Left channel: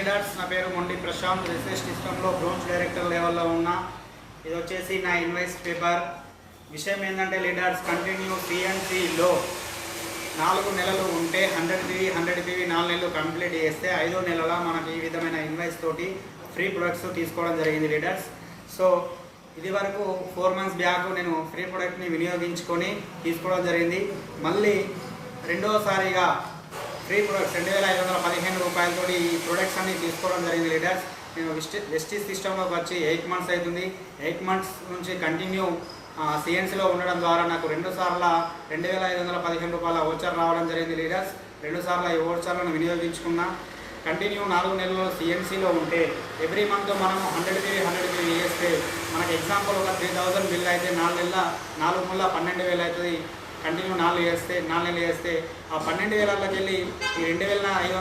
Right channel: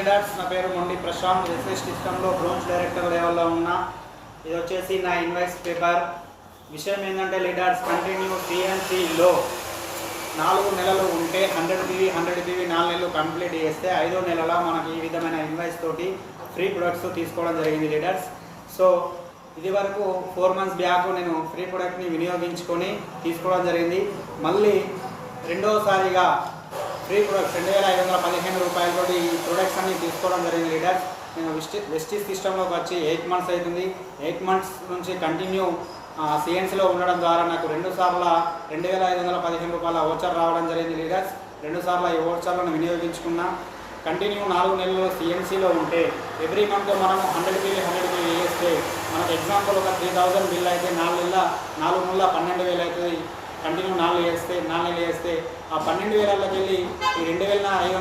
Leaders, నా పేరు మొండి ప్రశాంత్. రిసెర్చ్ సిస్టంలో బ్రోంజ్ డైరెక్టర్ లెవెల్లో ఉన్నా. ఇది వచ్చేసి నా ఇన్వాయిస్ పేపర్. విషయం ఏంటంటే లీడర్స్, కంటిన్యూ సిఎన్సిలో 4 నెలలు ఉంటే 100 PV 4 నెలలు కంప్లీట్ చేస్తే 5వ నెలలో మనకి ఈ విధమైన ఇన్వాయిస్ తోటి ఫ్రీ ప్రొడక్ట్స్ తీసుకోవడం జరిగింది లీడర్స్. సో ఇది వరకు 4 మంత్స్ బ్యాక్ నేను ఫ్రీ ప్రొడక్ట్ని వినియోగించుకొని తీసుకోవడం జరిగింది. మళ్ళీ రెండవసారిగా ఫ్రీ ప్రొడక్ట్స్ 2515 రూపాయలతో ఈ ప్రొడక్ట్స్ అన్ని తీసుకోవడం జరిగింది లీడర్స్. నేను వెస్టీజ్ సిస్టంలోకి వచ్చి 8 మంత్స్ అవుతుంది. 8 మంత్స్ నుంచి కంటిన్యూ సిఎన్సీలో ఉండడం ద్వారా నాకు 2 సార్లు 2515 రూపాయల ఓచర్ రావడం జరిగింది లీడర్స్. 2 సార్లు ఈ ఓచర్లను వినియోగించుకున్నా. కంటిన్యూ 4 నెలలు సిఎన్సీలో ఉంటే ఎవ్రీ మంత్ మనం 100 PV వేస్తే మనకు ఎగ్జాంపుల్ ఒక 3000 బిల్ అయితే 4 నెలల 12,000 అవుతుంది. కంటిన్యూ 4 నెలలు వేస్తే ఆ 12,000కి వెళ్ళి ఈ 2,500